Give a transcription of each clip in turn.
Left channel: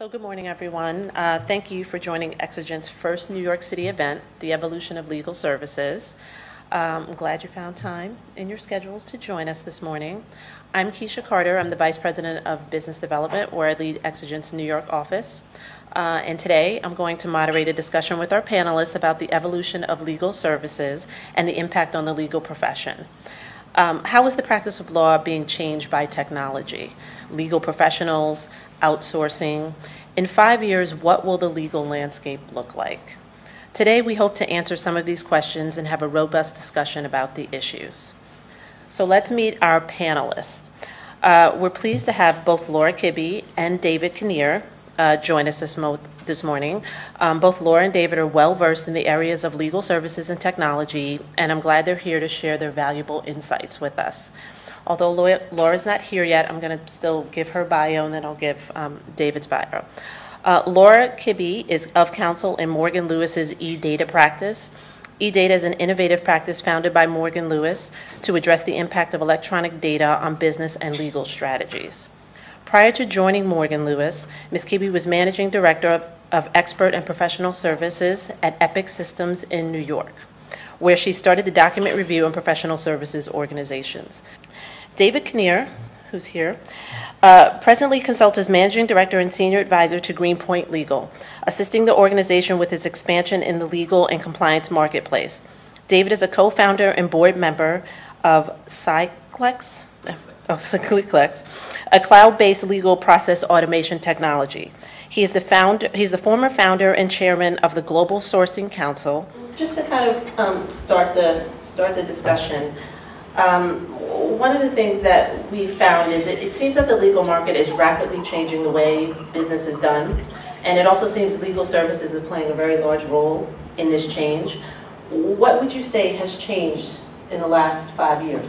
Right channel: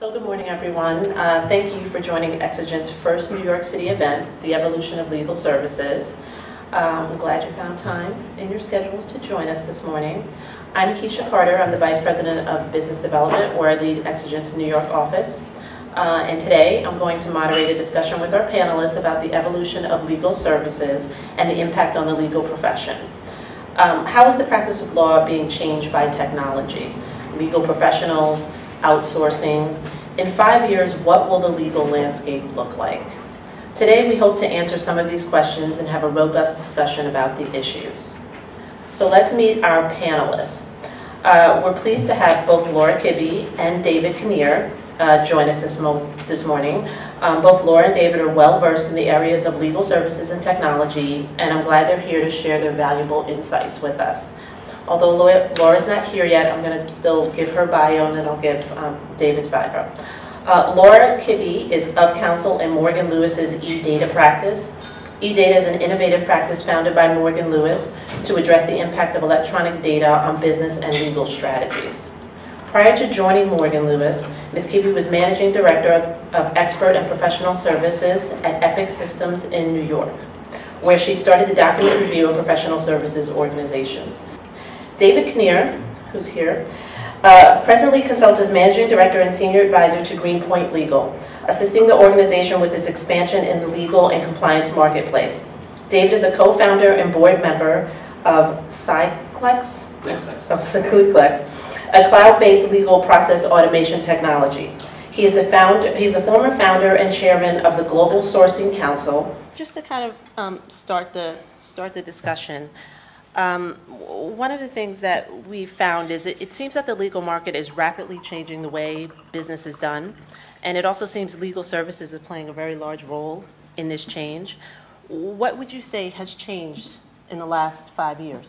So good morning, everyone. Thank you for joining Exigent's first New York City event, The Evolution of Legal Services. I'm glad you found time in your schedules to join us this morning. I'm Keisha Carter. I'm the Vice President of Business Development, where I lead Exigent's New York office. And today, I'm going to moderate a discussion with our panelists about the evolution of legal services and the impact on the legal profession. How is the practice of law being changed by technology? Legal professionals, outsourcing. In 5 years, what will the legal landscape look like? Today, we hope to answer some of these questions and have a robust discussion about the issues. So let's meet our panelists. We're pleased to have both Laura Kibbe and David Kinnear join us this morning. Both Laura and David are well-versed in the areas of legal services and technology, and I'm glad they're here to share their valuable insights with us. Although Laura's not here yet, I'm going to still give her bio, and then I'll give David's bio. Laura Kibbe is of counsel in Morgan Lewis's e-data practice. E-data is an innovative practice founded by Morgan Lewis to address the impact of electronic data on business and legal strategies. Prior to joining Morgan Lewis, Ms. Kibbe was Managing Director of Expert and Professional Services at Epic Systems in New York, where she started the document review and professional services organizations. David Kinnear, who's here, presently consults as Managing Director and Senior Advisor to Greenpoint Legal, assisting the organization with its expansion in the legal and compliance marketplace. David is a co-founder and board member of Cyclex, a cloud-based legal process automation technology. He's the former founder and chairman of the Global Sourcing Council. Just to kind of start the discussion. One of the things that we found is it seems that the legal market is rapidly changing the way business is done, and it also seems legal services is playing a very large role in this change. What would you say has changed in the last 5 years?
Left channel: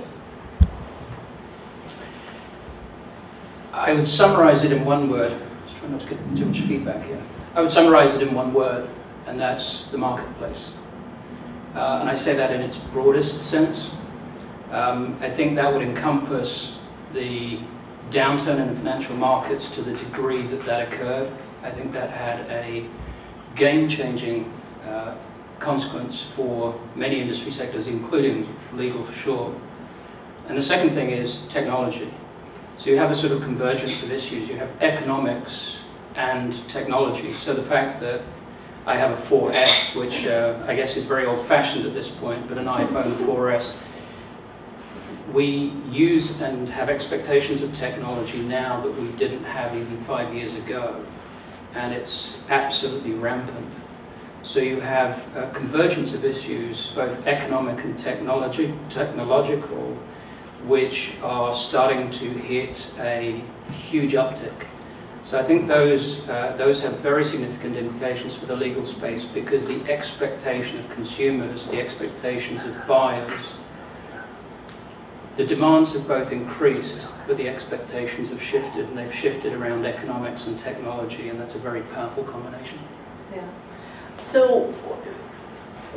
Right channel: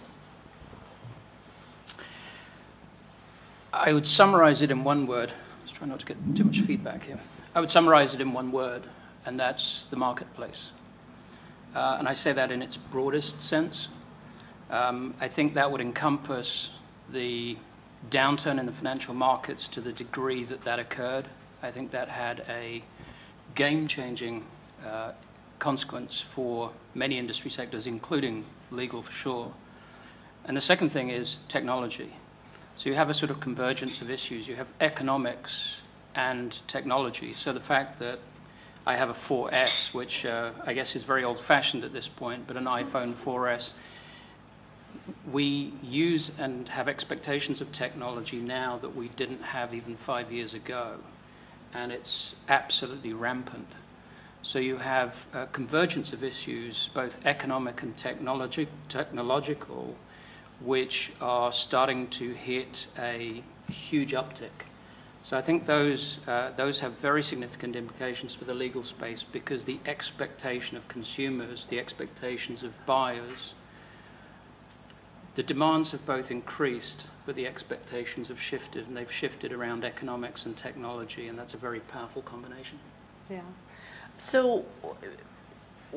I would summarize it in one word. Let's try not to get too much feedback here. I would summarize it in one word, and that's the marketplace. And I say that in its broadest sense. I think that would encompass the downturn in the financial markets to the degree that that occurred. I think that had a game-changing consequence for many industry sectors, including legal for sure. And the second thing is technology. So you have a sort of convergence of issues. You have economics and technology. So the fact that I have a 4S, which I guess is very old-fashioned at this point, but an iPhone 4S, we use and have expectations of technology now that we didn't have even 5 years ago, and it's absolutely rampant. So you have a convergence of issues, both economic and technological, which are starting to hit a huge uptick. So I think those have very significant implications for the legal space, because the expectation of consumers, the expectations of buyers, the demands have both increased, but the expectations have shifted, and they've shifted around economics and technology, and that's a very powerful combination. Yeah. So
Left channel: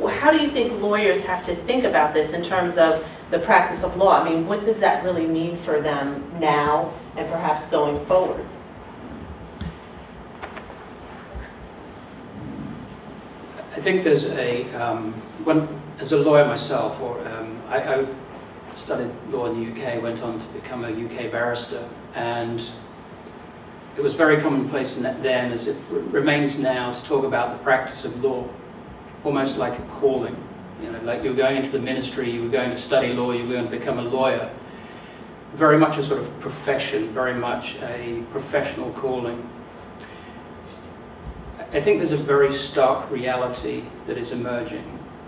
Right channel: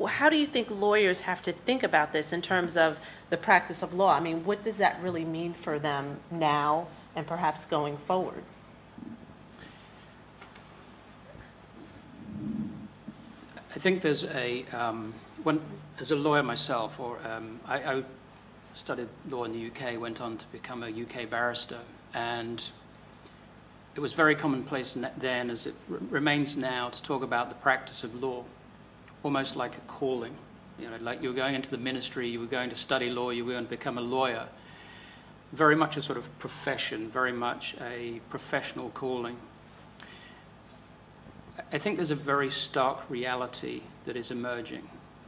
how do you think lawyers have to think about this in terms of the practice of law? I mean, what does that really mean for them now and perhaps going forward? I think there's as a lawyer myself, I studied law in the UK, went on to become a UK barrister, and it was very commonplace then, as it remains now, to talk about the practice of law almost like a calling. You know, like you were going into the ministry, you were going to study law, you were going to become a lawyer. Very much a sort of profession, very much a professional calling. I think there's a very stark reality that is emerging,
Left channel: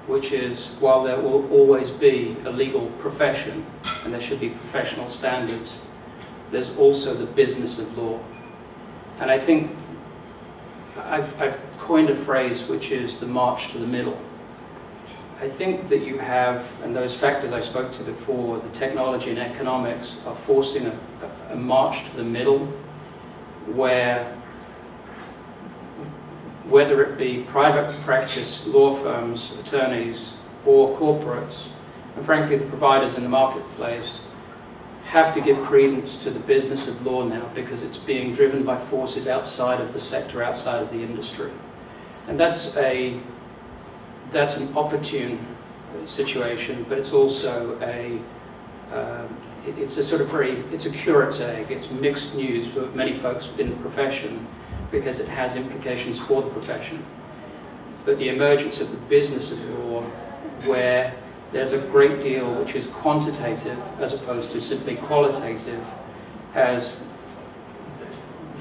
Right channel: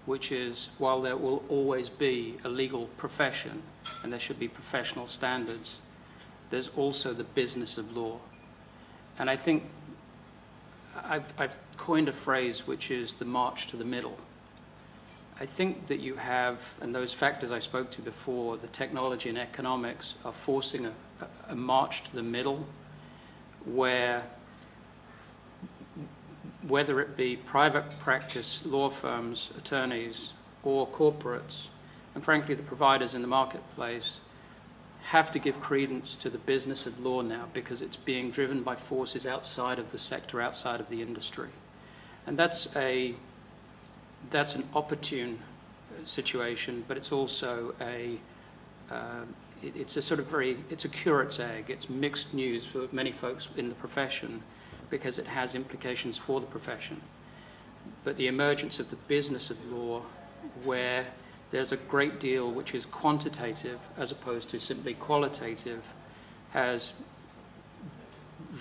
which is, while there will always be a legal profession and there should be professional standards, there's also the business of law. And I think I've coined a phrase which is the march to the middle. I think that you have, and those factors I spoke to before, the technology and economics, are forcing a march to the middle, where whether it be private practice, law firms, attorneys, or corporates, and frankly the providers in the marketplace, have to give credence to the business of law now, because it's being driven by forces outside of the sector, outside of the industry. And that's an opportune situation, but it's also it's a curate's egg. It's mixed news for many folks in the profession, because it has implications for the profession. But the emergence of the business of law, where there's a great deal which is quantitative as opposed to simply qualitative, has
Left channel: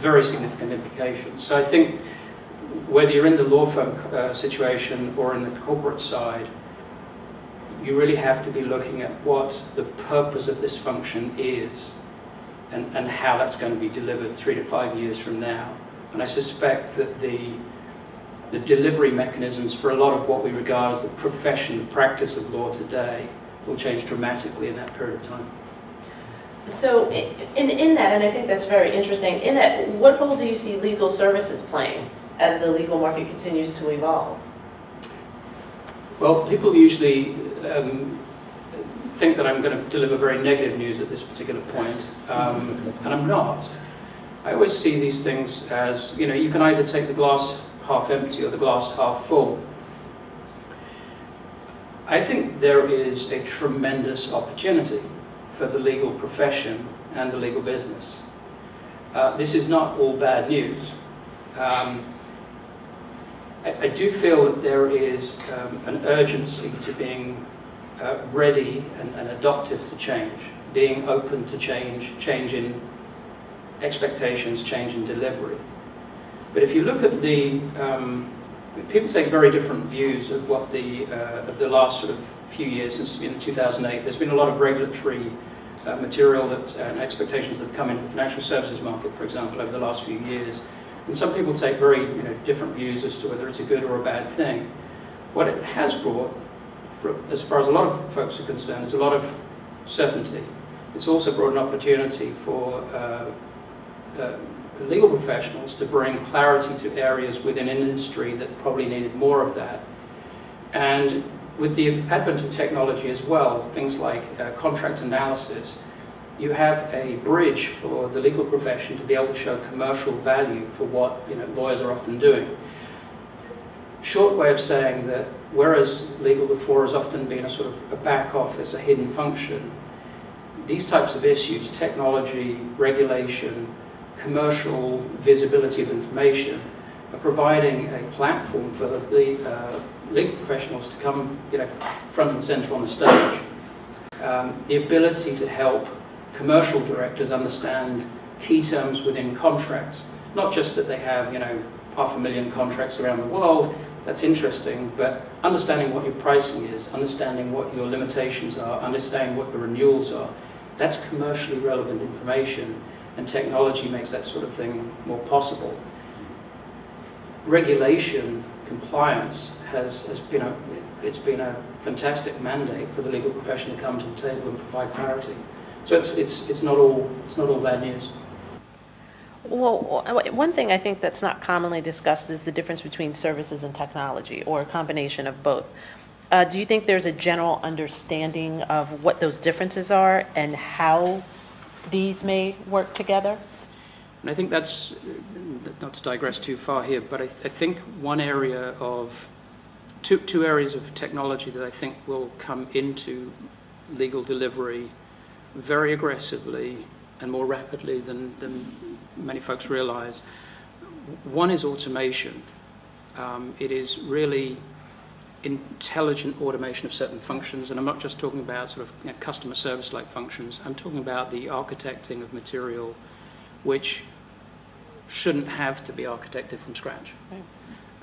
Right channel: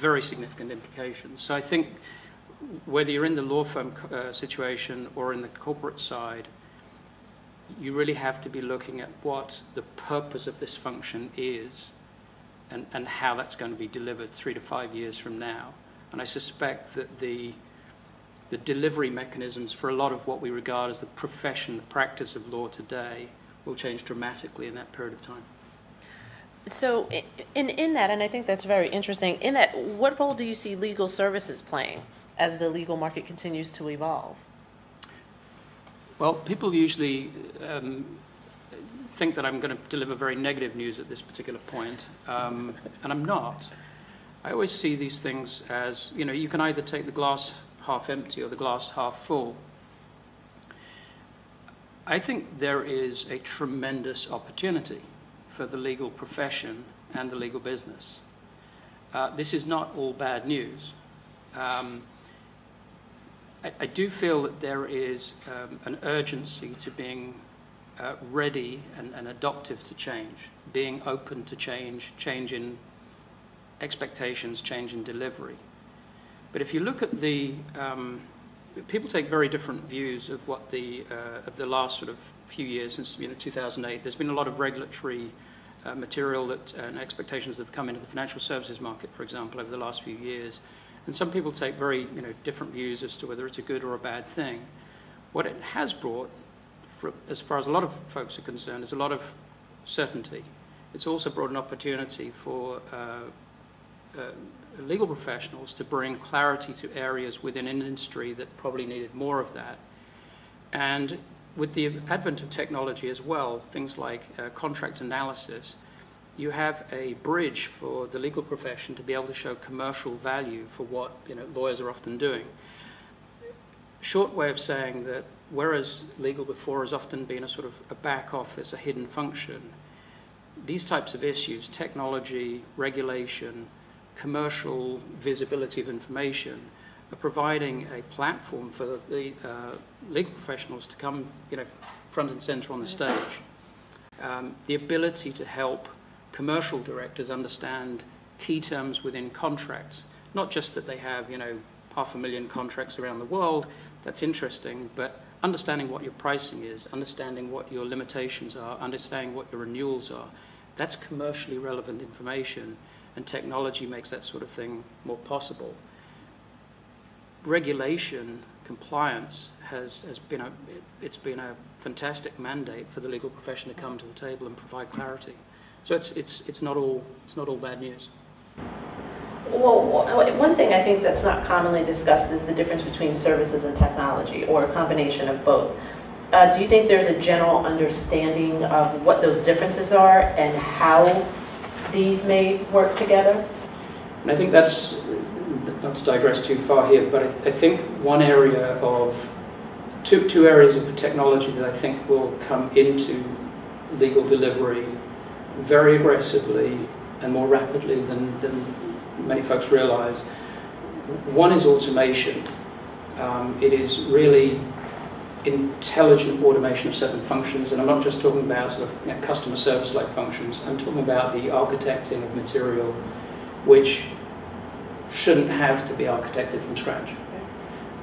very significant implications. So I think whether you're in the law firm situation or in the corporate side, you really have to be looking at what the purpose of this function is, and how that's going to be delivered 3 to 5 years from now. And I suspect that the delivery mechanisms for a lot of what we regard as the profession, the practice of law today, will change dramatically in that period of time. So in that, and I think that's very interesting, in that, what role do you see legal services playing as the legal market continues to evolve? Well, people usually think that I'm going to deliver very negative news at this particular point, and I'm not. I always see these things as, you can either take the glass half empty or the glass half full. I think there is a tremendous opportunity for the legal profession and the legal business. This is not all bad news. I do feel that there is an urgency to being ready and adaptive to change, being open to change in expectations, change in delivery. But if you look at people take very different views of what of the last sort of few years since 2008. There's been a lot of regulatory material and expectations that have come into the financial services market, for example, over the last few years. And some people take very different views as to whether it's a good or a bad thing. What it has brought, as far as a lot of folks are concerned, is a lot of certainty. It's also brought an opportunity for legal professionals to bring clarity to areas within an industry that probably needed more of that. And with the advent of technology as well, things like contract analysis, you have a bridge for the legal profession to be able to show commercial value for what lawyers are often doing. Short way of saying that whereas legal before has often been a sort of a back office, a hidden function, these types of issues, technology, regulation, commercial visibility of information, are providing a platform for the legal professionals to come front and center on the stage. The ability to help commercial directors understand key terms within contracts, not just that they have 500,000 contracts around the world, that's interesting, but understanding what your pricing is, understanding what your limitations are, understanding what the renewals are, that's commercially relevant information, and technology makes that sort of thing more possible. Regulation, compliance has been a fantastic mandate for the legal profession to come to the table and provide clarity. So it's not all bad news. Well, one thing I think that's not commonly discussed is the difference between services and technology, or a combination of both. Do you think there's a general understanding of what those differences are and how these may work together? And I think that's, not to digress too far here, but I think one area of, two areas of technology that I think will come into legal delivery very aggressively and more rapidly than many folks realize. One is automation. It is really intelligent automation of certain functions, and I'm not just talking about sort of customer service-like functions. I'm talking about the architecting of material which shouldn't have to be architected from scratch.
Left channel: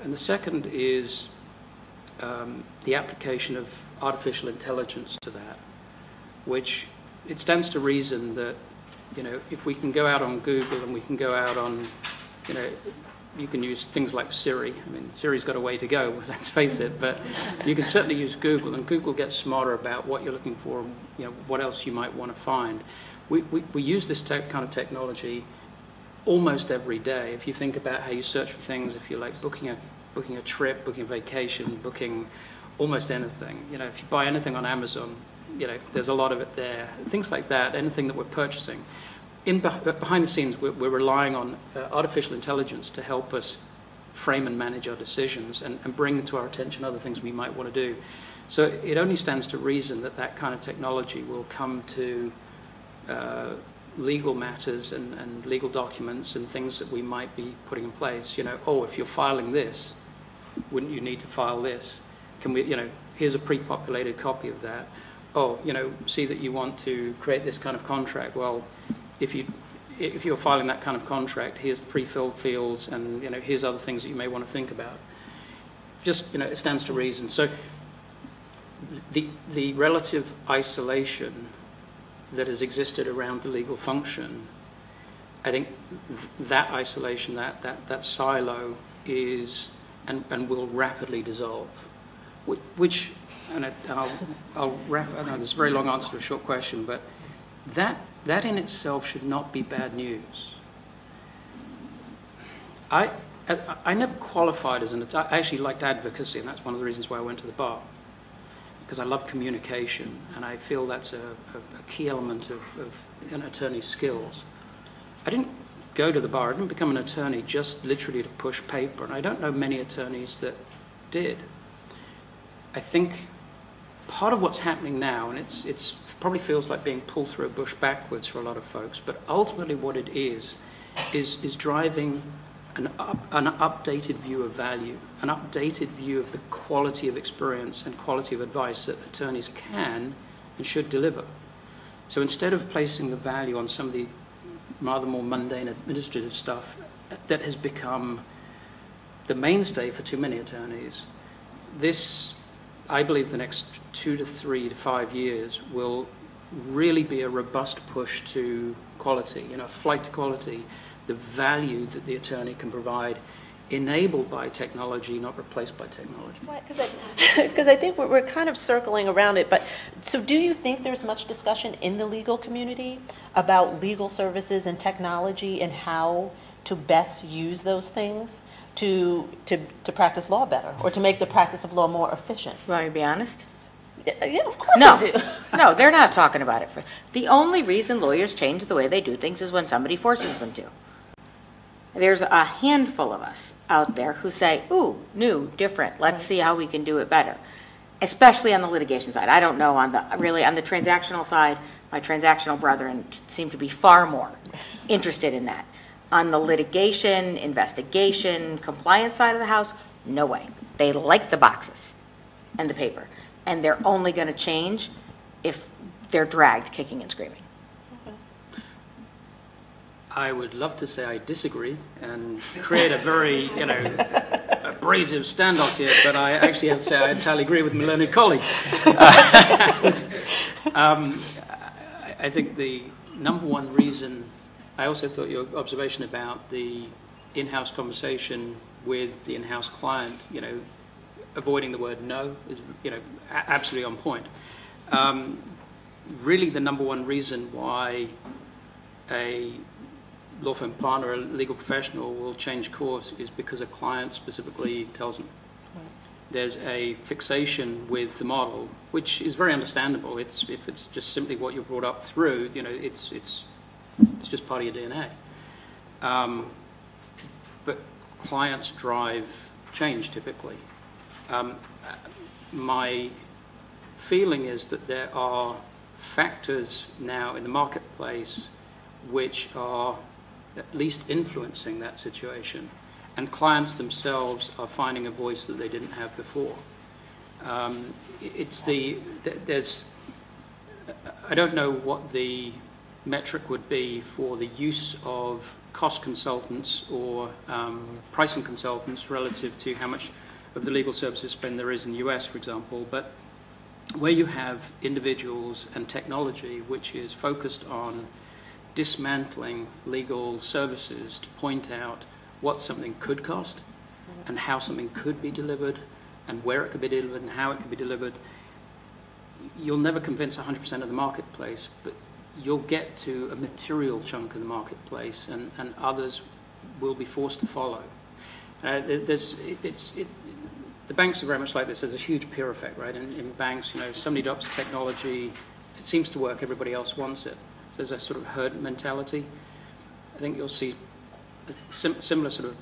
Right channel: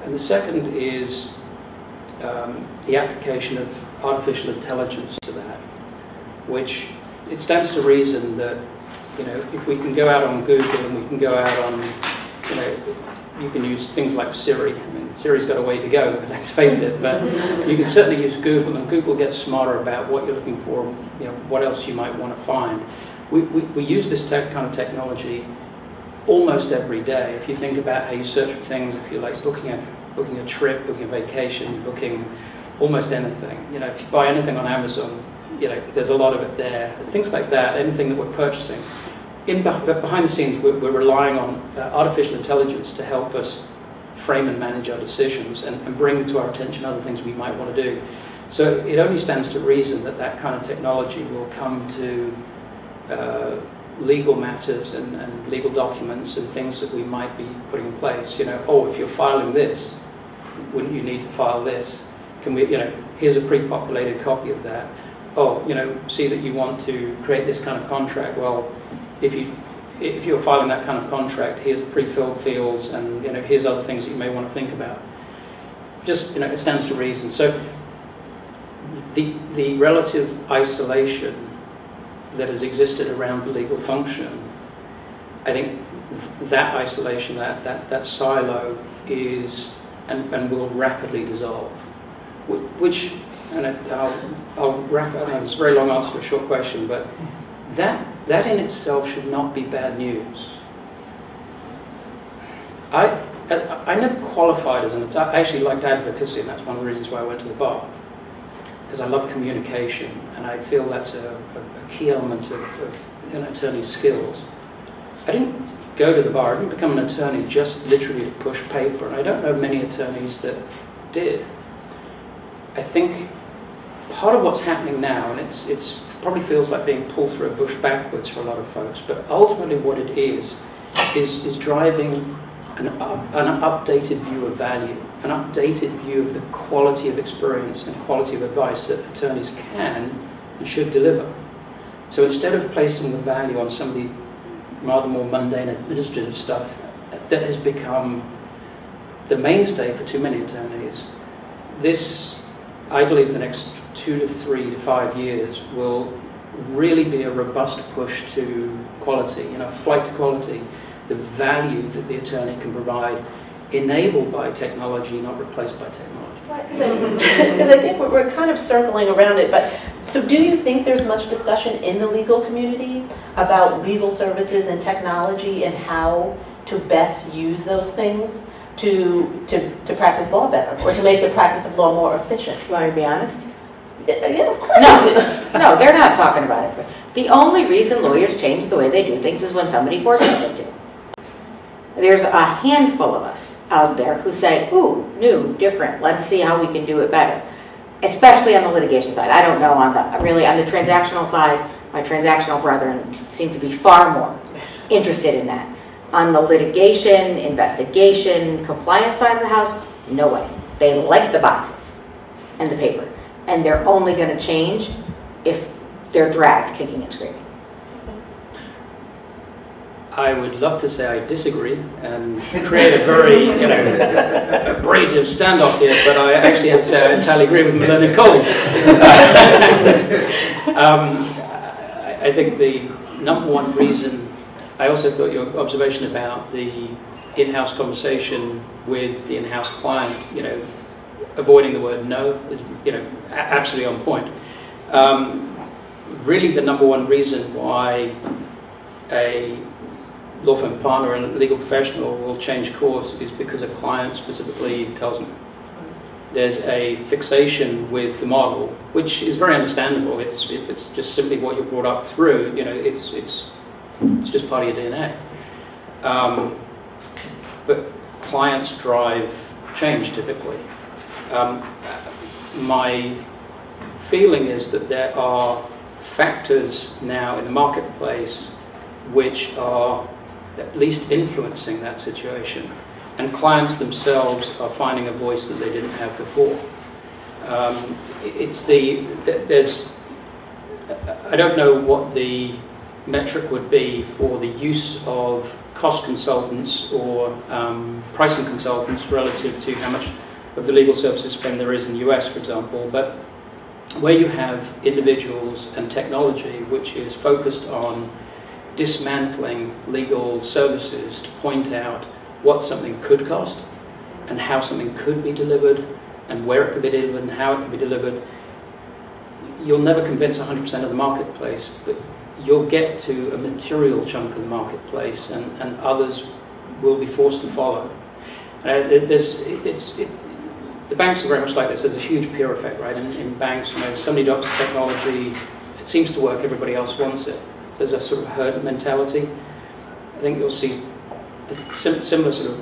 And the second is the application of artificial intelligence to that, which it stands to reason that if we can go out on Google and we can go out on, you can use things like Siri. I mean, Siri's got a way to go, let's face it, but you can certainly use Google, and Google gets smarter about what you're looking for, what else you might want to find. We use this kind of technology almost every day. If you think about how you search for things, if you're like booking a trip, booking a vacation, booking almost anything. If you buy anything on Amazon, there's a lot of it there. Things like that, anything that we're purchasing. Behind the scenes, we're relying on artificial intelligence to help us frame and manage our decisions and bring to our attention other things we might want to do. So it only stands to reason that that kind of technology will come to legal matters and legal documents and things that we might be putting in place. If you're filing this, wouldn't you need to file this? Can we, here's a pre-populated copy of that. See that you want to create this kind of contract. Well, if you're filing that kind of contract, here's the pre-filled fields, and here's other things that you may want to think about. Just it stands to reason. So the relative isolation that has existed around the legal function, I think that isolation, that silo is and will rapidly dissolve. Which, and I'll wrap up. It's a very long answer to a short question, but that in itself should not be bad news. I never qualified as an attorney. I actually liked advocacy, and that's one of the reasons why I went to the bar. Because I love communication, and I feel that's a key element of an attorney's skills. I didn't go to the bar, I didn't become an attorney just literally to push paper, and I don't know many attorneys that did. I think part of what's happening now, and it's probably feels like being pulled through a bush backwards for a lot of folks, but ultimately what it is driving an updated view of value, an updated view of the quality of experience and quality of advice that attorneys can and should deliver. So instead of placing the value on some of the rather more mundane administrative stuff that has become the mainstay for too many attorneys, this, I believe, the next 2 to 3 to 5 years will really be a robust push to quality, flight to quality, the value that the attorney can provide, enabled by technology, not replaced by technology. Because I think we're kind of circling around it, but so do you think there's much discussion in the legal community about legal services and technology and how to best use those things to practice law better, or to make the practice of law more efficient? You want me to be honest? Yeah, of course. No, they're not talking about it. The only reason lawyers change the way they do things is when somebody forces them to. There's a handful of us out there who say, ooh, new, different, let's see how we can do it better. Especially on the litigation side. I don't know, on the transactional side, my transactional brethren seem to be far more interested in that. On the litigation, investigation, compliance side of the house, no way. They like the boxes and the paper. And they're only going to change if they're dragged kicking and screaming. I would love to say I disagree and create a very, abrasive standoff here, but I actually have to say I entirely agree with my learned colleague. I think the number one reason, I also thought your observation about the in-house conversation with the in-house client, avoiding the word no is, absolutely on point. Really the number one reason why a law firm partner and a legal professional will change course is because a client specifically tells them. There's a fixation with the model, which is very understandable. It's just simply what you're brought up through. It's just part of your DNA. But clients drive change typically. My feeling is that there are factors now in the marketplace which are at least influencing that situation, and clients themselves are finding a voice that they didn't have before. I don't know what the metric would be for the use of cost consultants or pricing consultants relative to how much of the legal services spend there is in the US, for example, but where you have individuals and technology which is focused on dismantling legal services to point out what something could cost and how something could be delivered and where it could be delivered and how it could be delivered, you'll never convince 100% of the marketplace, but you'll get to a material chunk of the marketplace and others will be forced to follow. the banks are very much like this. There's a huge peer effect, right? In banks, if somebody adopts technology, if it seems to work, everybody else wants it. So there's a sort of herd mentality. I think you'll see a similar sort of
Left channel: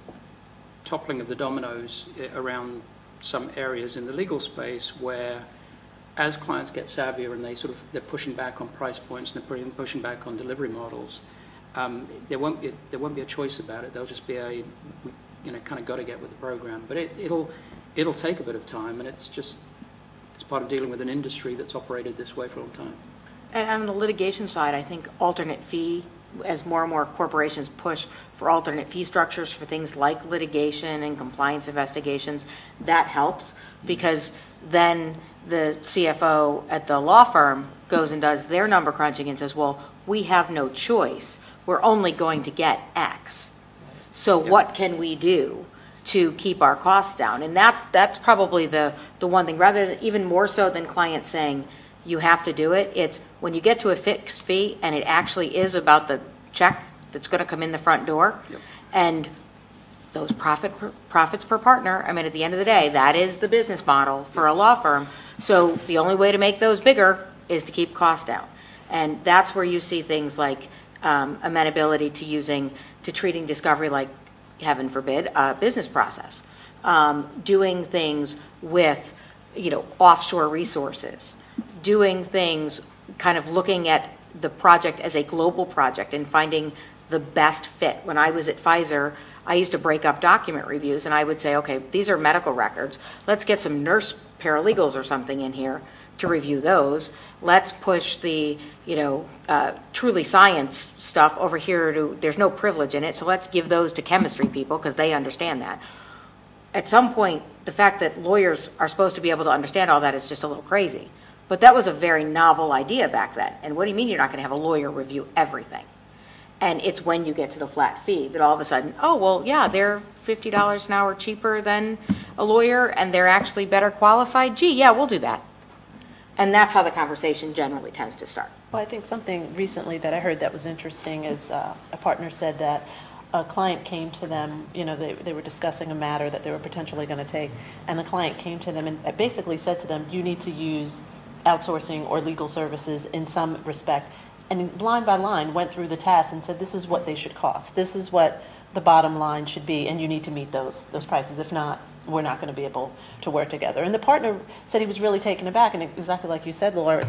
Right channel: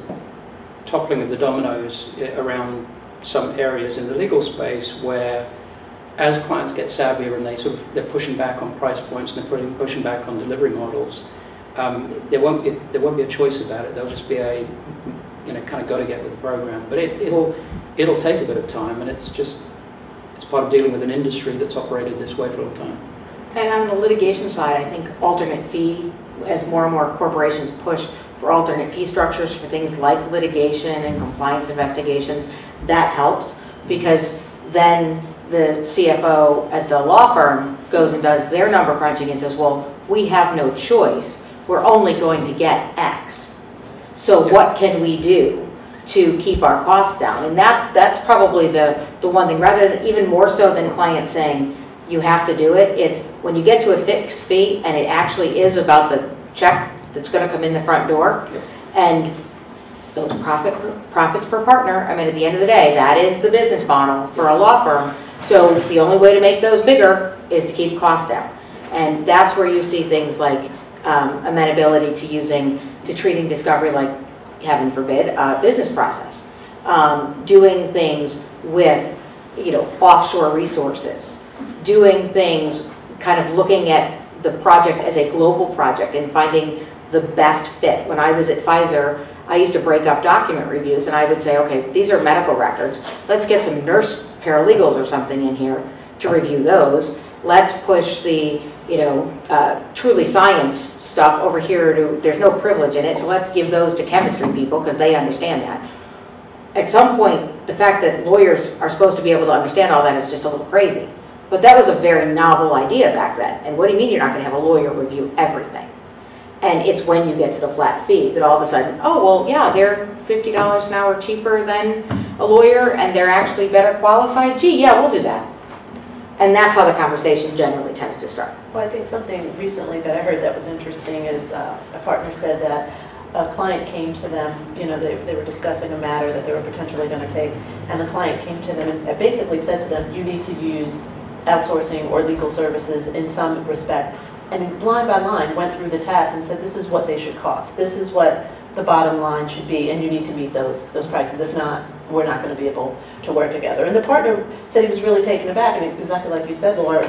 toppling of the dominoes around some areas in the legal space where, as clients get savvier and they're pushing back on price points and they're pushing back on delivery models, there won't be a choice about it. There'll just be a kind of got to get with the program. But it'll take a bit of time, and it's part of dealing with an industry that's operated this way for a long time. And on the litigation side, I think alternate fee, as more and more corporations push for alternate fee structures for things like litigation and compliance investigations, that helps, because then the CFO at the law firm goes and does their number crunching and says, well, we have no choice. We're only going to get X. So what can we do to keep our costs down? And that's probably the one thing, rather than even more so than clients saying, you have to do it. It's when you get to a fixed fee and it actually is about the check that's going to come in the front door, and those profits per partner. I mean, at the end of the day, that is the business model for a law firm. So the only way to make those bigger is to keep costs down, and that's where you see things like amenability to treating discovery like, heaven forbid, a business process, doing things with offshore resources, doing things kind of looking at the project as a global project and finding the best fit. When I was at Pfizer, I used to break up document reviews, and I would say, okay, these are medical records. Let's get some nurse paralegals or something in here to review those. Let's push the truly science stuff over here to, there's no privilege in it, so let's give those to chemistry people because they understand that. At some point, the fact that lawyers are supposed to be able to understand all that is just a little crazy. But that was a very novel idea back then. And what do you mean you're not going to have a lawyer review everything? And it's when you get to the flat fee that all of a sudden, oh, well, yeah, they're $50 an hour cheaper than a lawyer and they're actually better qualified. Gee, yeah, we'll do that. And that's how the conversation generally tends to start. Well, I think something recently that I heard that was interesting is a partner said that a client came to them, they were discussing a matter that they were potentially going to take, and the client came to them and basically said to them, you need to use outsourcing or legal services in some respect. And line by line went through the task and said, this is what they should cost. This is what the bottom line should be, and you need to meet those prices. If not, we're not going to be able to work together. And the partner said he was really taken aback, and exactly like you said, Laura,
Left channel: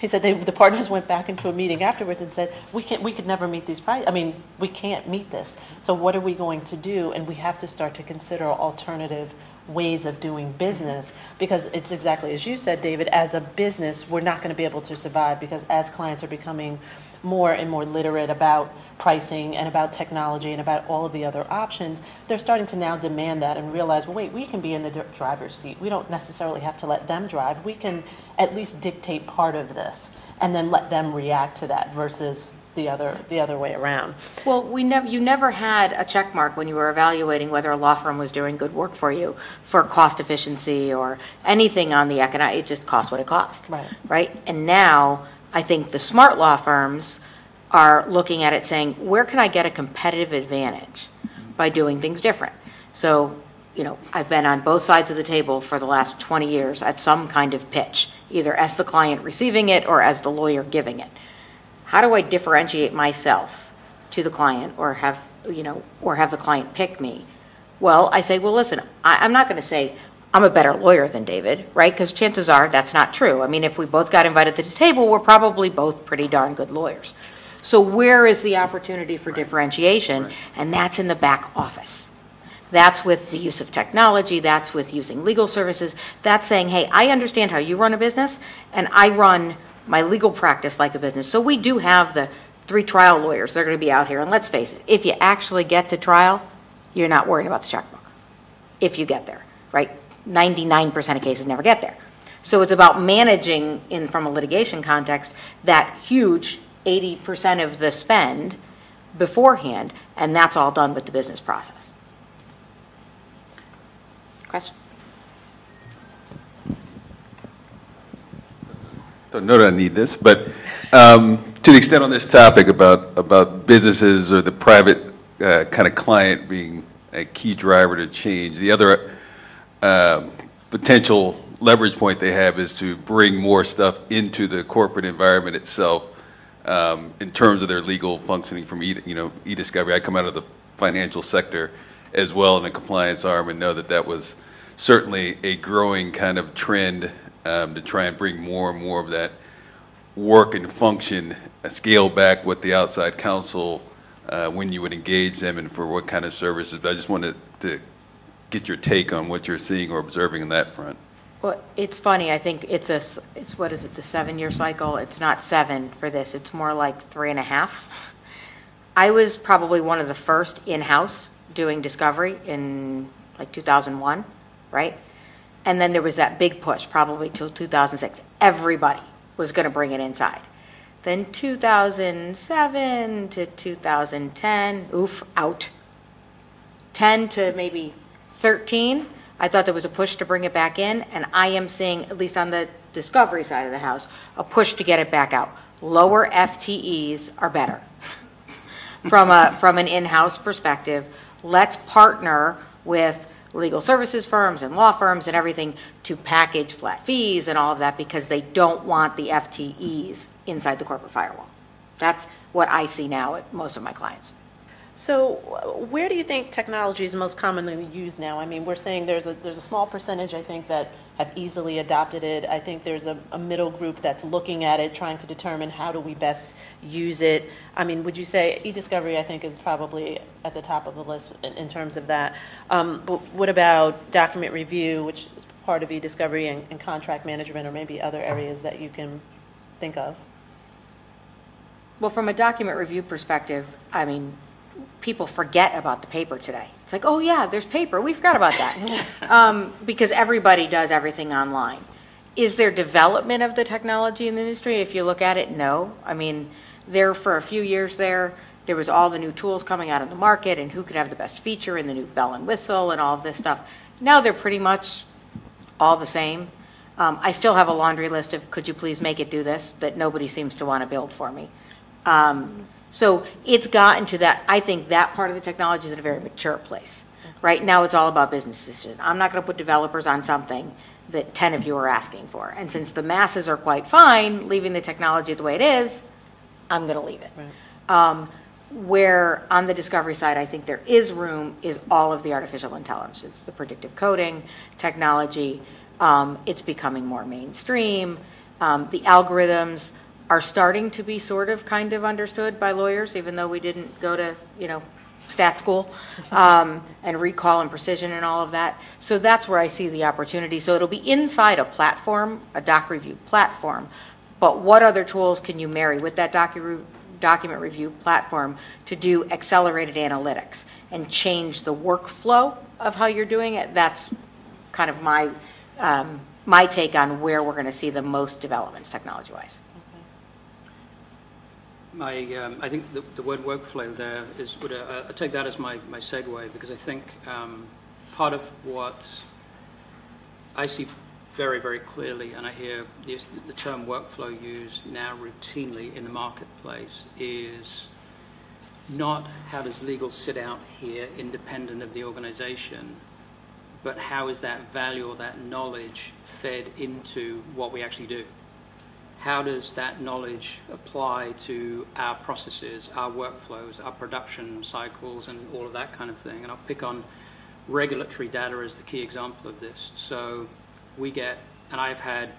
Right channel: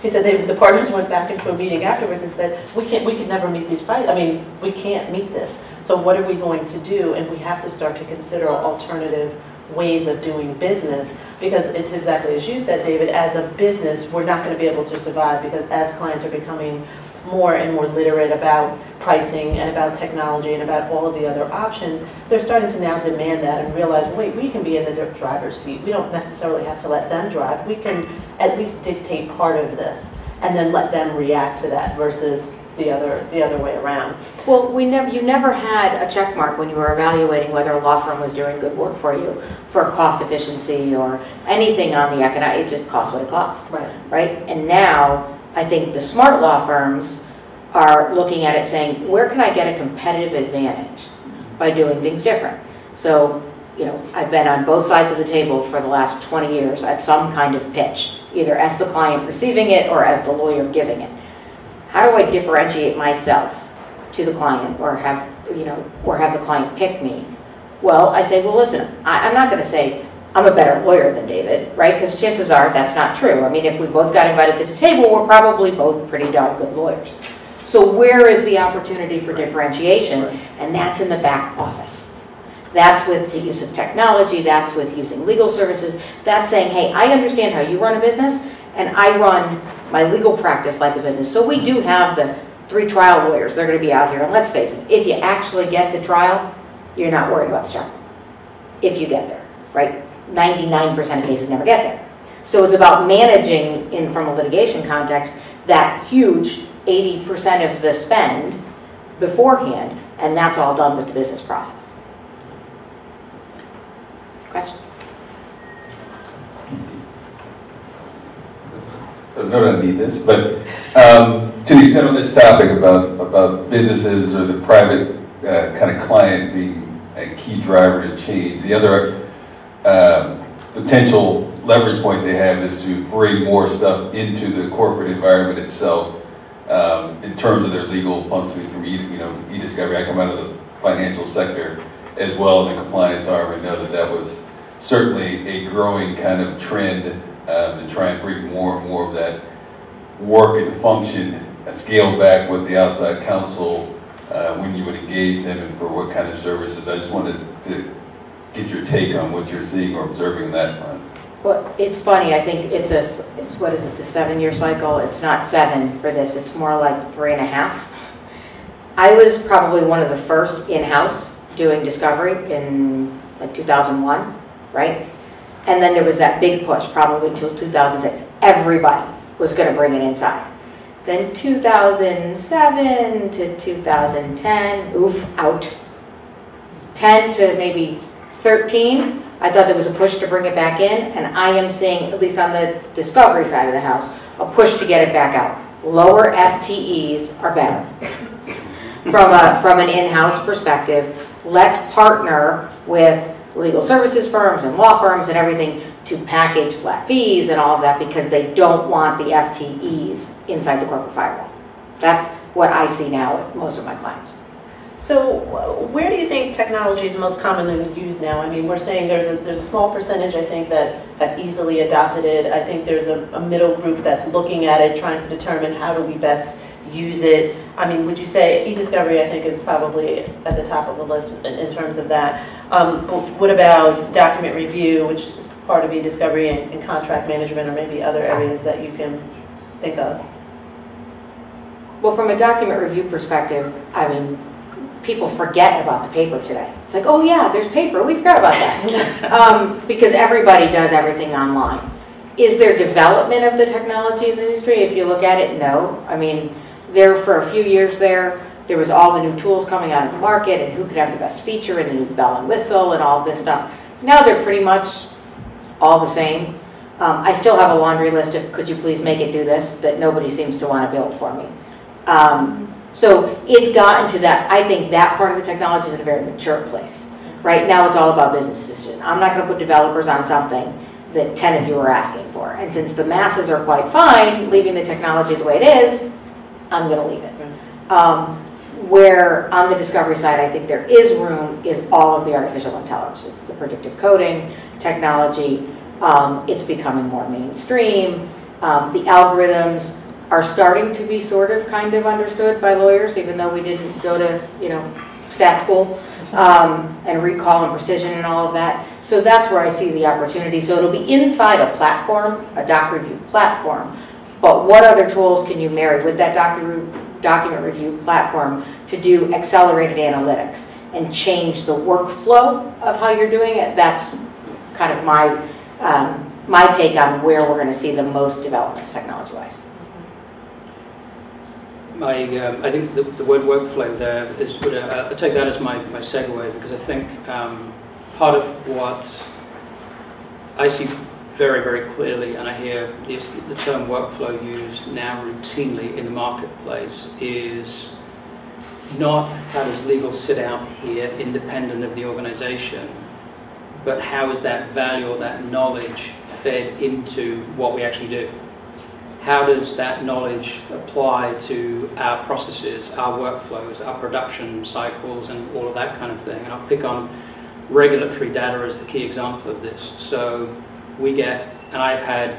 he said the partners went back into a meeting afterwards and said, we could never meet these prices. I mean, we can't meet this. So what are we going to do? And we have to start to consider alternative ways of doing business, because it's exactly as you said, David, as a business, we're not going to be able to survive, because as clients are becoming more and more literate about pricing and about technology and about all of the other options, they're starting to now demand that and realize, wait, we can be in the driver's seat. We don't necessarily have to let them drive. We can at least dictate part of this and then let them react to that versus the other way around. Well, you never had a check mark when you were evaluating whether a law firm was doing good work for you for cost efficiency or anything on the economic. It just costs what it costs, right? And now I think the smart law firms are looking at it saying, where can I get a competitive advantage by doing things different? So, I've been on both sides of the table for the last 20 years at some kind of pitch, either as the client receiving it or as the lawyer giving it. How do I differentiate myself to the client or have the client pick me? Well, I say, well, listen, I'm not going to say I'm a better lawyer than David, right? Because chances are that's not true. I mean, if we both got invited to the table, we're probably both pretty darn good lawyers. So where is the opportunity for differentiation? And that's in the back office. That's with the use of technology. That's with using legal services. That's saying, hey, I understand how you run a business, and I run my legal practice like a business. So we do have the 3 trial lawyers that are going to be out here. And let's face it, if you actually get to trial, you're not worried about the checkbook. If you get there, right? 99% of cases never get there. So it's about managing, from a litigation context, that huge 80% of the spend beforehand, and that's all done with the business process. Question? I don't need this, but to the extent on this topic about businesses or the private kind of client being a key driver to change, the other potential leverage point they have is to bring more stuff into the corporate environment itself in terms of their legal functioning from e-discovery. I come out of the financial sector as well in the compliance arm and know that that was certainly a growing kind of trend to try and bring more and more of that work and function, scale back with the outside counsel when you would engage them and for what kind of services. I just wanted to get your take on what you're seeing or observing on that front. Well, it's funny. I think it's what is it, the 7-year cycle? It's not 7 for this. It's more like 3.5. I was probably one of the first in-house doing discovery in like 2001, right? And then there was that big push, probably until 2006. Everybody was going to bring it inside. Then 2007 to 2010, oof, out. 10 to maybe 13, I thought there was a push to bring it back in, and I am seeing, at least on the discovery side of the house, a push to get it back out. Lower FTEs are better. From an in-house perspective, let's partner with legal services firms and law firms and everything to package flat fees and all of that because they don't want the FTEs inside the corporate firewall. That's what I see now with most of my clients. So where do you think technology is most commonly used now? I mean, we're saying there's a small percentage, I think, that have easily adopted it. I think there's a middle group that's looking at it, trying to determine how do we best use it. I mean, would you say e-discovery, I think, is probably at the top of the list in terms of that. But what about document review, which is part of e-discovery, and contract management, or maybe other areas that you can think of? Well, from a document review perspective, I mean, people forget about the paper today. It's like, oh yeah, there's paper. We forgot about that. Because everybody does everything online. Is there development of the technology in the industry? If you look at it, no. I mean, for a few years there was all the new tools coming out of the market and who could have the best feature and the new bell and whistle and all of this stuff. Now they're pretty much all the same. I still have a laundry list of, could you please make it do this, that nobody seems to want to build for me. So it's gotten to that. I think that part of the technology is in a very mature place. Right now it's all about business decision. I'm not going to put developers on something that 10 of you are asking for. And since the masses are quite fine leaving the technology the way it is, I'm going to leave it. Where on the discovery side I think there is room is all of the artificial intelligence, the predictive coding technology. It's becoming more mainstream. The algorithms are starting to be sort of kind of understood by lawyers, even though we didn't go to, stat school, and recall and precision and all of that. So that's where I see the opportunity. So it'll be inside a platform, a doc review platform, but what other tools can you marry with that document review platform to do accelerated analytics and change the workflow of how you're doing it? That's kind of my take on where we're going to see the most developments technology-wise. I think the word workflow there is, I take that as my segue, because I think part of what I see very, very clearly, and I hear the term workflow used now routinely in the marketplace, is not how does legal sit out here independent of the organization, but how is that value or that knowledge fed into what we actually do. How does that knowledge apply to our processes, our workflows, our production cycles, and all of that kind of thing? And I'll pick on regulatory data as the key example of this. So we get, and I've had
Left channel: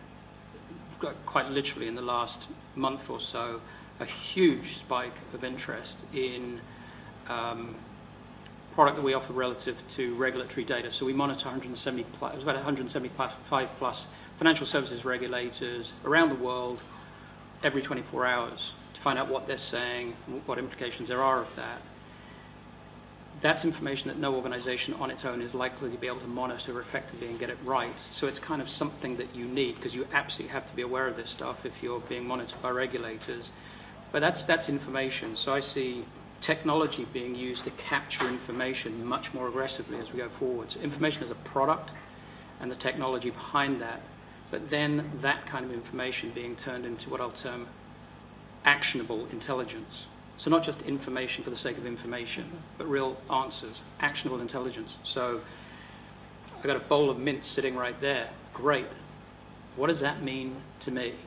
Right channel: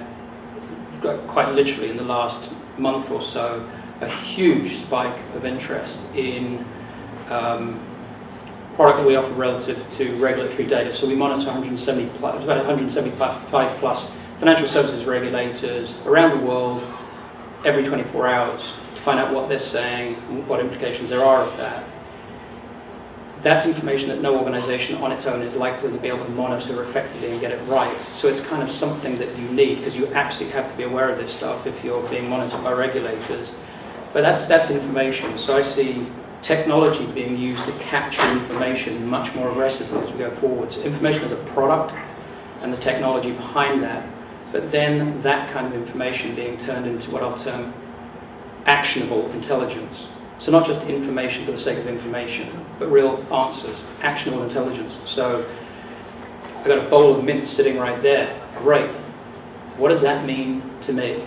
quite literally in the last month or so, a huge spike of interest in product that we offer relative to regulatory data. So we monitor 175 plus financial services regulators around the world every 24 hours to find out what they're saying and what implications there are of that. That's information that no organization on its own is likely to be able to monitor effectively and get it right. So it's kind of something that you need, because you absolutely have to be aware of this stuff if you're being monitored by regulators. But that's information. So I see technology being used to capture information much more aggressively as we go forward. So information as a product and the technology behind that, but then that kind of information being turned into what I'll term actionable intelligence. So not just information for the sake of information, but real answers, actionable intelligence. So I've got a bowl of mints sitting right there. Great. What does that mean to me?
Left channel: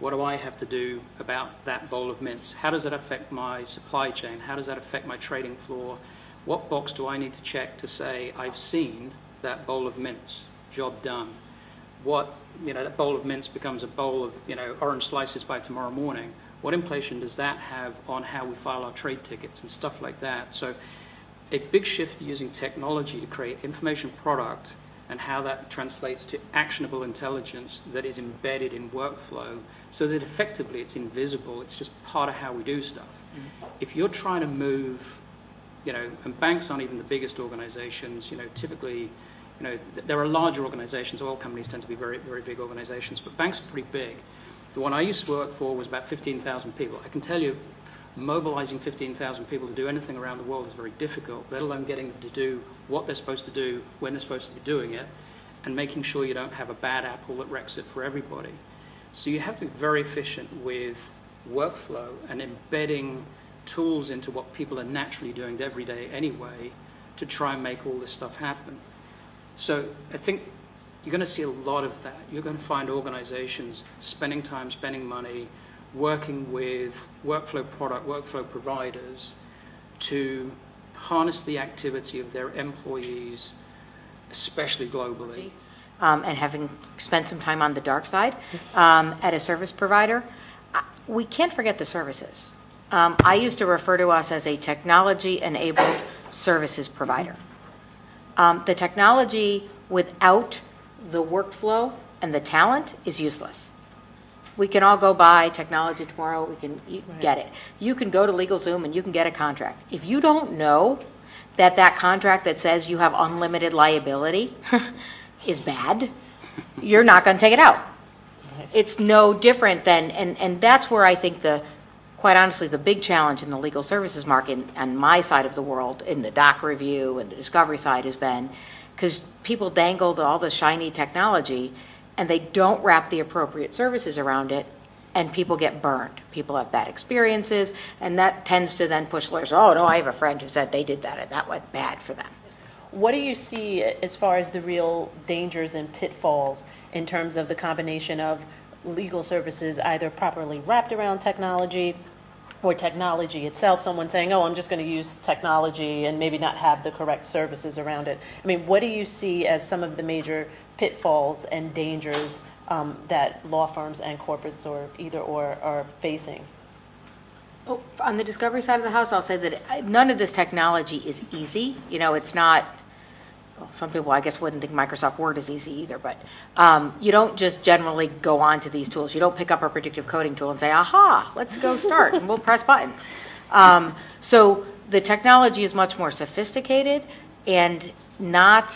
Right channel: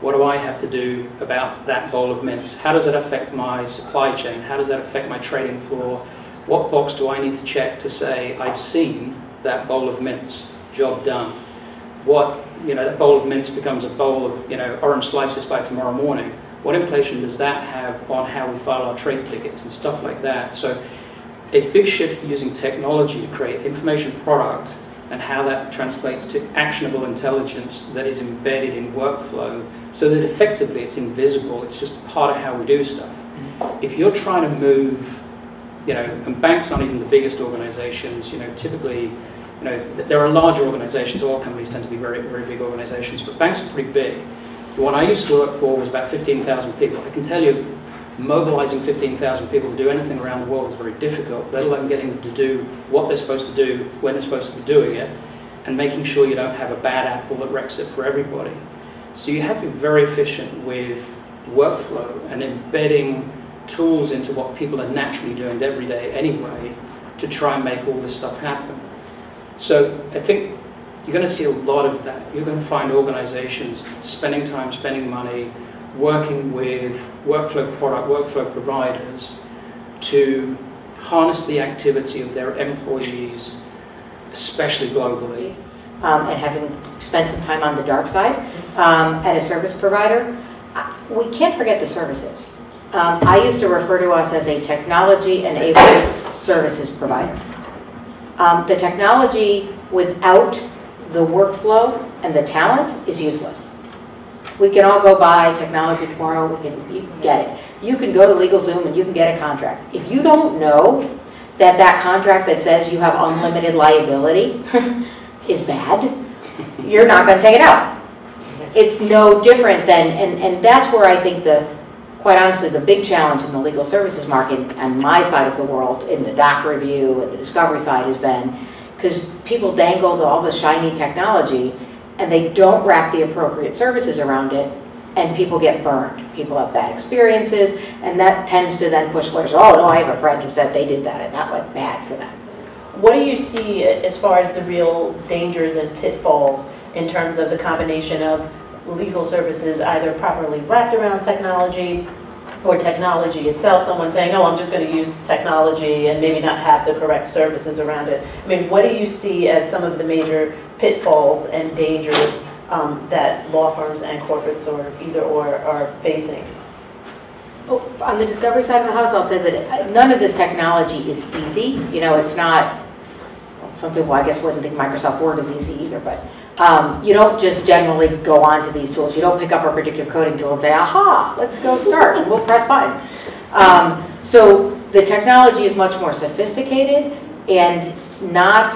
What do I have to do about that bowl of mints? How does that affect my supply chain? How does that affect my trading floor? What box do I need to check to say I've seen that bowl of mints, job done? What, that bowl of mints becomes a bowl of, orange slices by tomorrow morning. What implication does that have on how we file our trade tickets and stuff like that? So a big shift using technology to create information product and how that translates to actionable intelligence that is embedded in workflow so that effectively it's invisible, it's just part of how we do stuff. If you're trying to move, and banks aren't even the biggest organizations, typically, there are larger organizations, all companies tend to be very, very big organizations, but banks are pretty big. The one I used to work for was about 15,000 people. I can tell you, mobilizing 15,000 people to do anything around the world is very difficult, let alone getting them to do what they're supposed to do, when they're supposed to be doing it, and making sure you don't have a bad apple that wrecks it for everybody. So you have to be very efficient with workflow and embedding tools into what people are naturally doing every day anyway to try and make all this stuff happen. So I think you're going to see a lot of that. You're going to find organizations spending time, spending money, working with workflow providers to harness the activity of their employees, especially globally. And having spent some time on the dark side at a service provider, we can't forget the services. I used to refer to us as a technology-enabled services provider. The technology without the workflow and the talent is useless. We can all go buy technology tomorrow, you can get it. You can go to LegalZoom and you can get a contract. If you don't know that contract that says you have unlimited liability is bad, you're not going to take it out. It's no different than, and that's where I think quite honestly, the big challenge in the legal services market on my side of the world, in the doc review and the discovery side, has been because people dangled all the shiny technology and they don't wrap the appropriate services around it, and people get burned. People have bad experiences, and that tends to then push lawyers, oh no, I have a friend who said they did that and that went bad for them. What do you see as far as the real dangers and pitfalls in terms of the combination of legal services either properly wrapped around technology or technology itself, someone saying, oh, I'm just going to use technology and maybe not have the correct services around it? I mean, what do you see as some of the major pitfalls and dangers that law firms and corporates or either or are facing? Well, on the discovery side of the house, I'll say that none of this technology is easy. It's not, some people I guess wouldn't think Microsoft Word is easy either, but you don't just generally go onto these tools. You don't pick up a predictive coding tool and say, aha, let's go start, and we'll press buttons. So the technology is much more sophisticated and not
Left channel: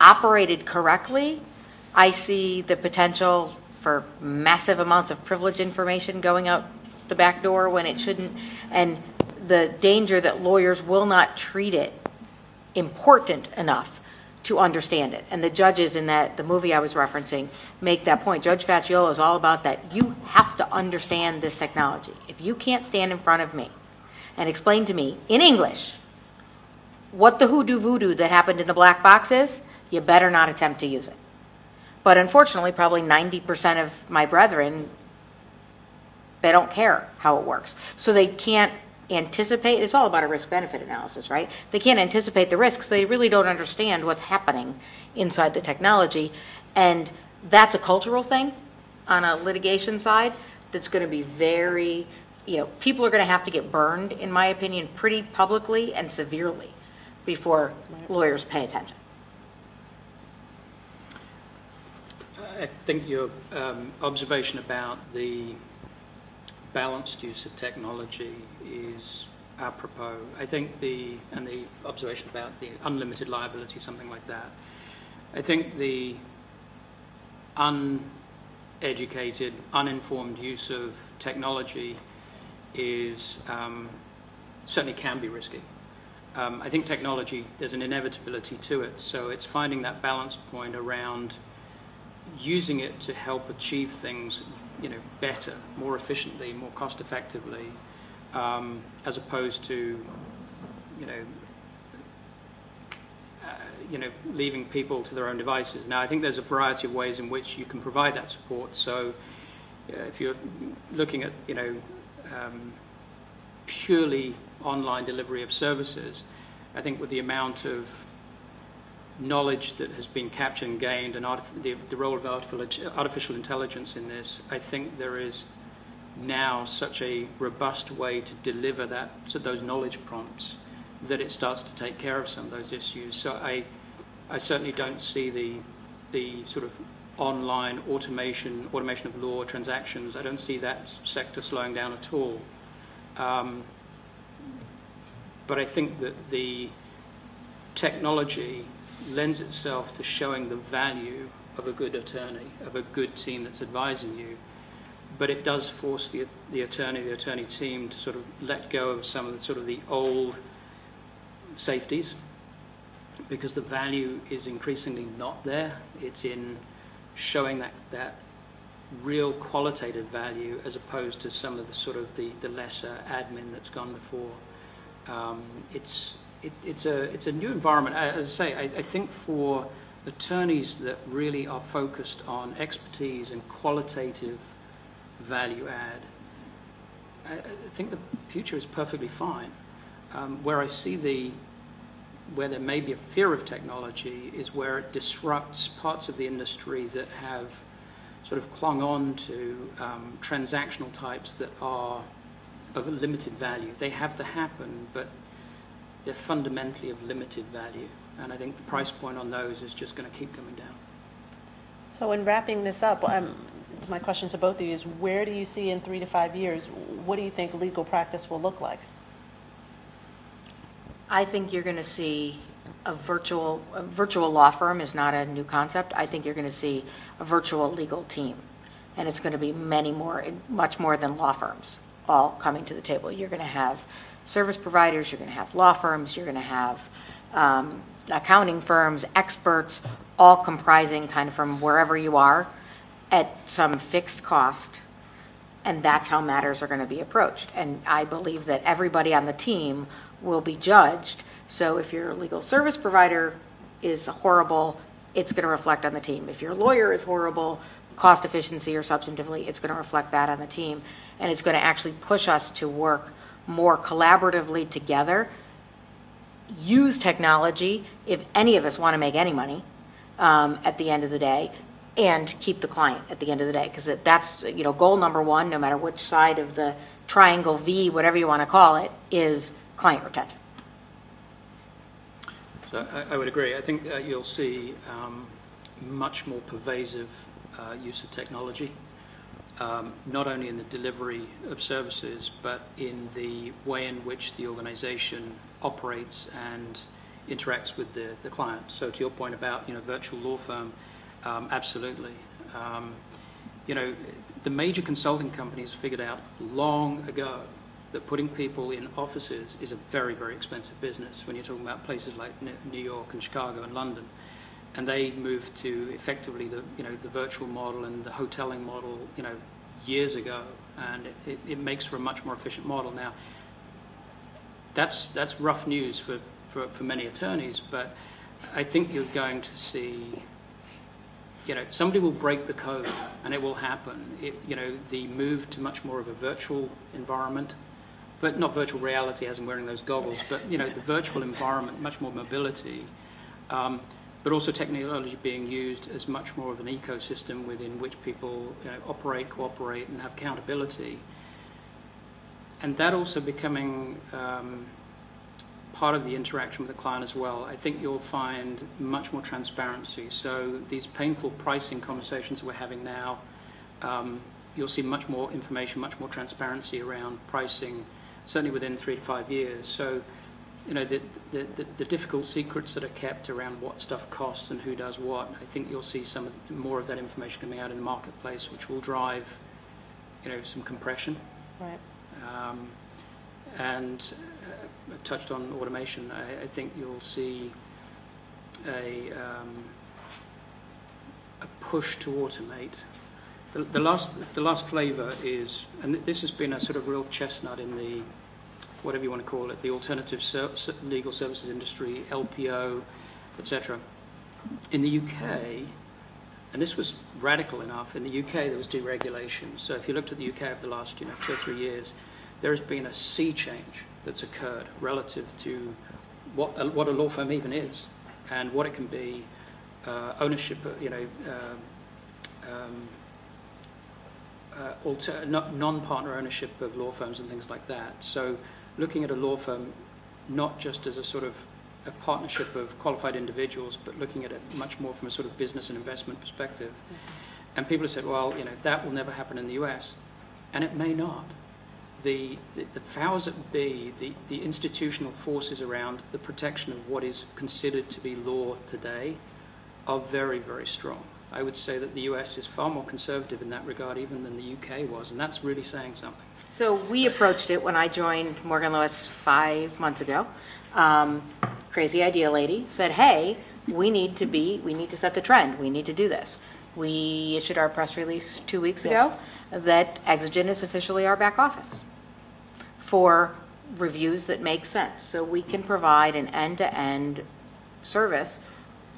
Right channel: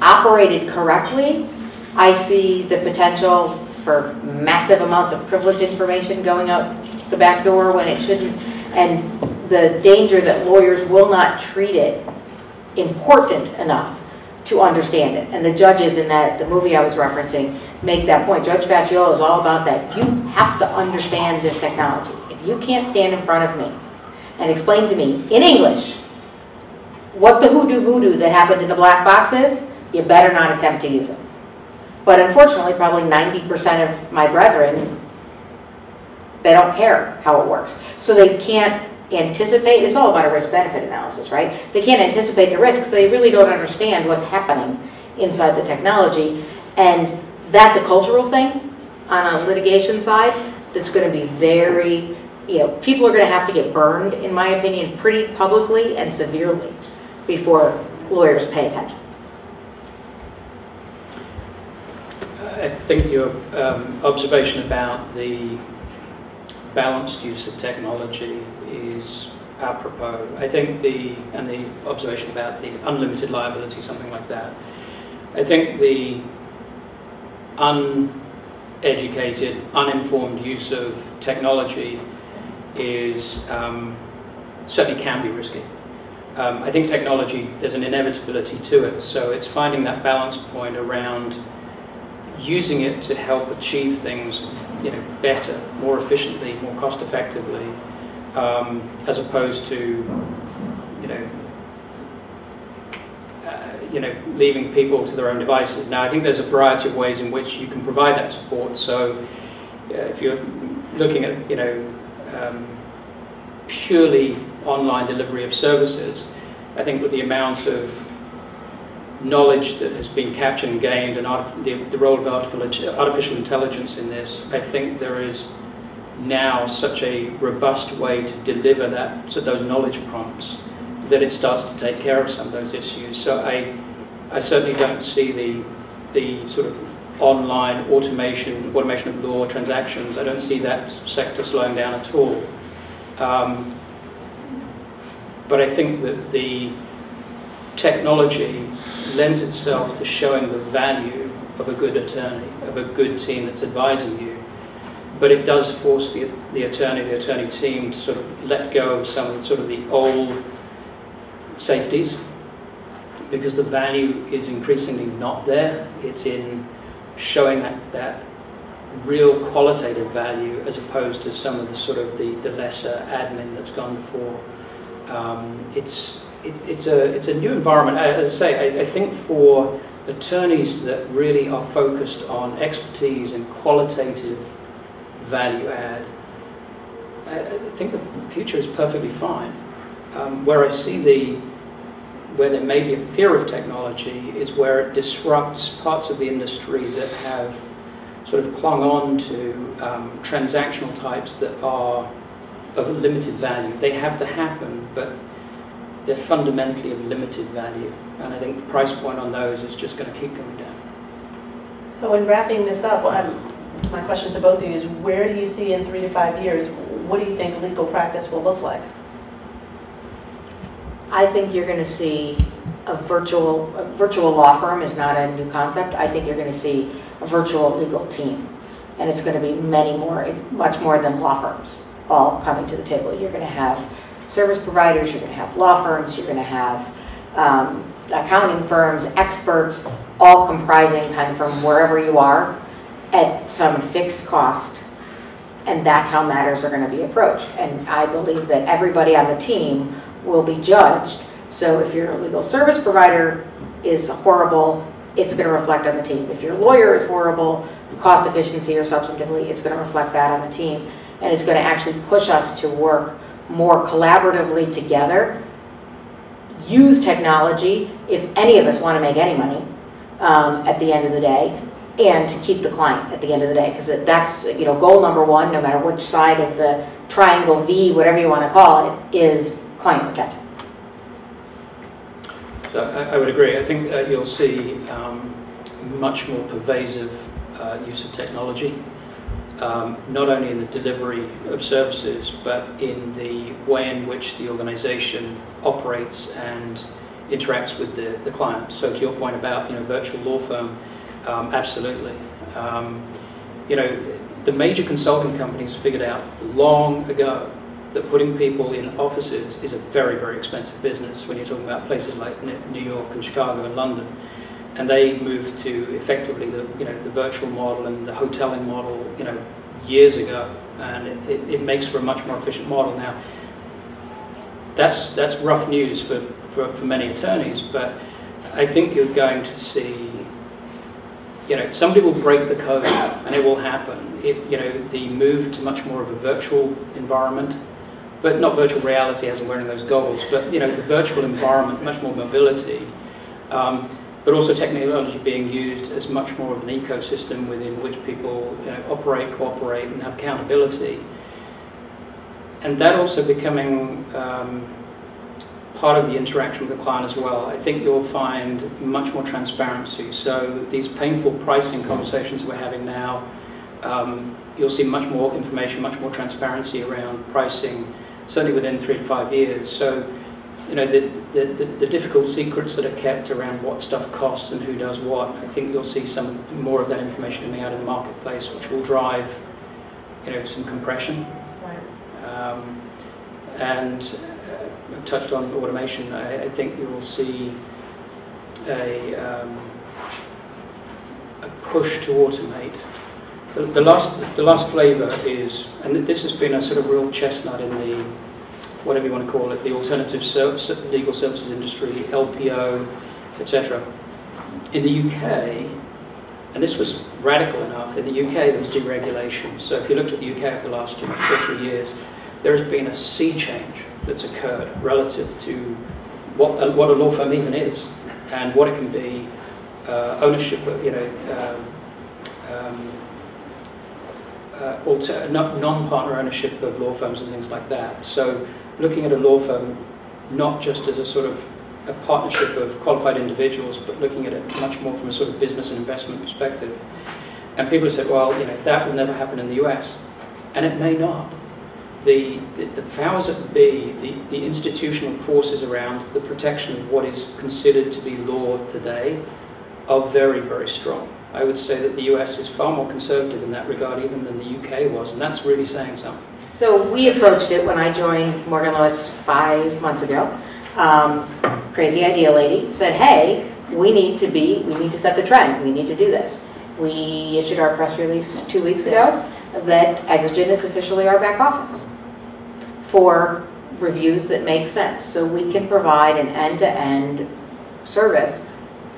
operated correctly. I see the potential for massive amounts of privileged information going out the back door when it shouldn't, and the danger that lawyers will not treat it important enough to understand it. And the judges in the movie I was referencing make that point. Judge Facciolo is all about that. You have to understand this technology. If you can't stand in front of me and explain to me in English what the hoodoo voodoo that happened in the black box is, you better not attempt to use it. But unfortunately, probably 90% of my brethren, they don't care how it works. So they can't anticipate, it's all about a risk-benefit analysis, right? They can't anticipate the risks, they really don't understand what's happening inside the technology. And that's a cultural thing on a litigation side that's going to be very, people are going to have to get burned, in my opinion, pretty publicly and severely before lawyers pay attention. I think your observation about the balanced use of technology is apropos. I think the observation about the unlimited liability, something like that. I think the uneducated, uninformed use of technology is certainly can be risky. I think technology, there's an inevitability to it, so it's finding that balance point around using it to help achieve things, better, more efficiently, more cost effectively, as opposed to, leaving people to their own devices. Now, I think there's a variety of ways in which you can provide that support. So, if you're looking at, purely online delivery of services, I think with the amount of knowledge that has been captured and gained, and the role of artificial intelligence in this, I think there is now such a robust way to deliver those knowledge prompts that it starts to take care of some of those issues. So I certainly don't see the sort of online automation of law transactions. I don't see that sector slowing down at all. But I think that the technology lends itself to showing the value of a good attorney, of a good team that's advising you. But it does force the attorney team to sort of let go of some of the old safeties, because the value is increasingly not there. It's in showing that real qualitative value as opposed to some of the lesser admin that's gone before. It's a new environment. As I say, I think for attorneys that really are focused on expertise and qualitative value add, I think the future is perfectly fine. Where I see where there may be a fear of technology is where it disrupts parts of the industry that have sort of clung on to transactional types that are of limited value. They have to happen, but they're fundamentally of limited value. And I think the price point on those is just going to keep coming down. So in wrapping this up, my question to both of you is, where do you see in 3 to 5 years, what do you think legal practice will look like? I think you're going to see a virtual law firm is not a new concept. I think you're going to see a virtual legal team. And it's going to be much more than law firms all coming to the table. You're going to have service providers, you're going to have law firms, you're going to have accounting firms, experts, all comprising kind of from wherever you are at some fixed cost. And that's how matters are going to be approached. And I believe that everybody on the team will be judged. So if your legal service provider is horrible, it's going to reflect on the team. If your lawyer is horrible, cost efficiency or substantively, it's going to reflect that on the team. And it's going to actually push us to work more collaboratively together, use technology if any of us want to make any money at the end of the day, and to keep the client at the end of the day, because that's goal number one, no matter which side of the triangle V, whatever you want to call it, is client protection. I would agree. I think you'll see much more pervasive use of technology, not only in the delivery of services, but in the way in which the organization operates and interacts with the client. So to your point about virtual law firm, absolutely. The major consulting companies figured out long ago that putting people in offices is a very, very expensive business when you're talking about places like New York and Chicago and London. And they moved to effectively the virtual model and the hoteling model, years ago, and it makes for a much more efficient model now. That's rough news for many attorneys, but I think you're going to see, somebody will break the code, and it will happen. The move to much more of a virtual environment, but not virtual reality as in wearing those goggles, but the virtual environment, much more mobility, but also technology being used as much more of an ecosystem within which people operate, cooperate, and have accountability. And that also becoming part of the interaction with the client as well. I think you'll find much more transparency. So these painful pricing conversations we're having now, you'll see much more information, much more transparency around pricing, certainly within 3 to 5 years. So, the difficult secrets that are kept around what stuff costs and who does what, I think you'll see some more of that information coming out in the marketplace, which will drive, some compression. Right. And I've touched on automation. I think you will see a push to automate. The last flavor is, and this has been a sort of real chestnut in the, whatever you want to call it, the alternative legal services industry, LPO, etc. In the UK, and this was radical enough, in the UK there was deregulation. So if you looked at the UK over the last 2 or 3 years, there has been a sea change that's occurred relative to what a law firm even is, and what it can be, ownership, non-partner ownership of law firms and things like that. So looking at a law firm not just as a sort of a partnership of qualified individuals, but looking at it much more from a sort of business and investment perspective. And people have said, well, that will never happen in the US. And it may not. The powers that be, the institutional forces around the protection of what is considered to be law today are very, very strong. I would say that the US is far more conservative in that regard even than the UK was, and that's really saying something. So we approached it when I joined Morgan Lewis 5 months ago. Crazy idea lady said, hey, we need to set the trend. We need to do this. We issued our press release 2 weeks ago that Exigent is officially our back office for reviews that make sense. So we can provide an end-to-end service,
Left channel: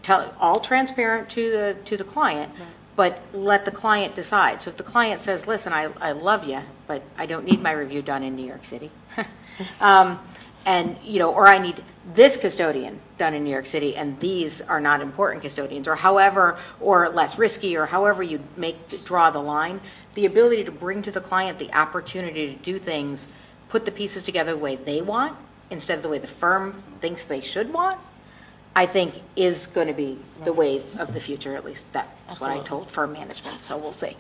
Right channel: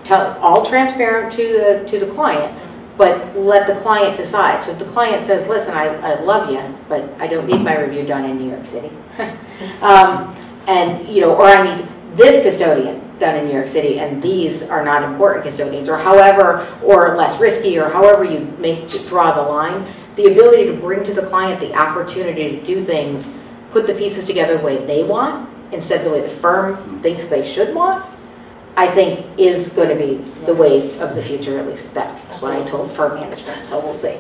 all transparent to the client, but let the client decide. So if the client says, listen, I love you, but I don't need my review done in New York City. Or I need this custodian done in New York City, and these are not important custodians, or less risky, or however you draw the line. The ability to bring to the client the opportunity to do things, put the pieces together the way they want, instead of the way the firm thinks they should want, I think is going to be the wave of the future. At least that's what I told firm management, so we'll see.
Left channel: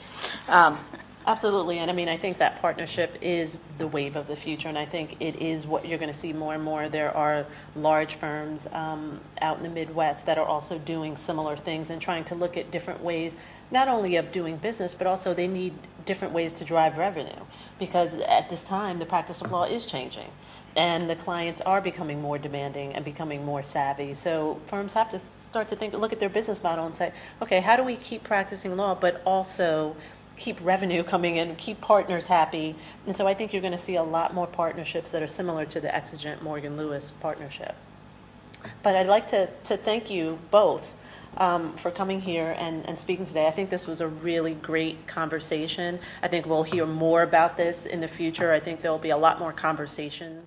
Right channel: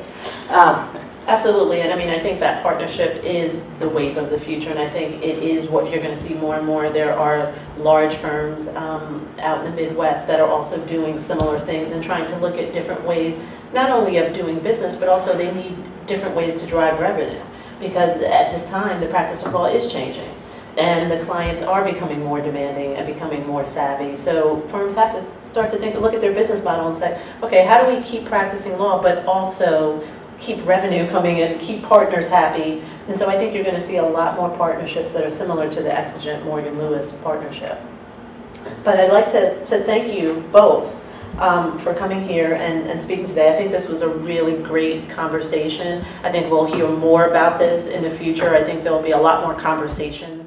Absolutely, and I think that partnership is the wave of the future, and I think it is what you're going to see more and more. There are large firms out in the Midwest that are also doing similar things and trying to look at different ways, not only of doing business, but also they need different ways to drive revenue, because at this time the practice of law is changing, and the clients are becoming more demanding and becoming more savvy. So firms have to start to look at their business model and say, okay, how do we keep practicing law, but also keep revenue coming in, keep partners happy? And so I think you're going to see a lot more partnerships that are similar to the Exigent Morgan Lewis partnership. But I'd like to thank you both for coming here and speaking today. I think this was a really great conversation. I think we'll hear more about this in the future. I think there'll be a lot more conversation.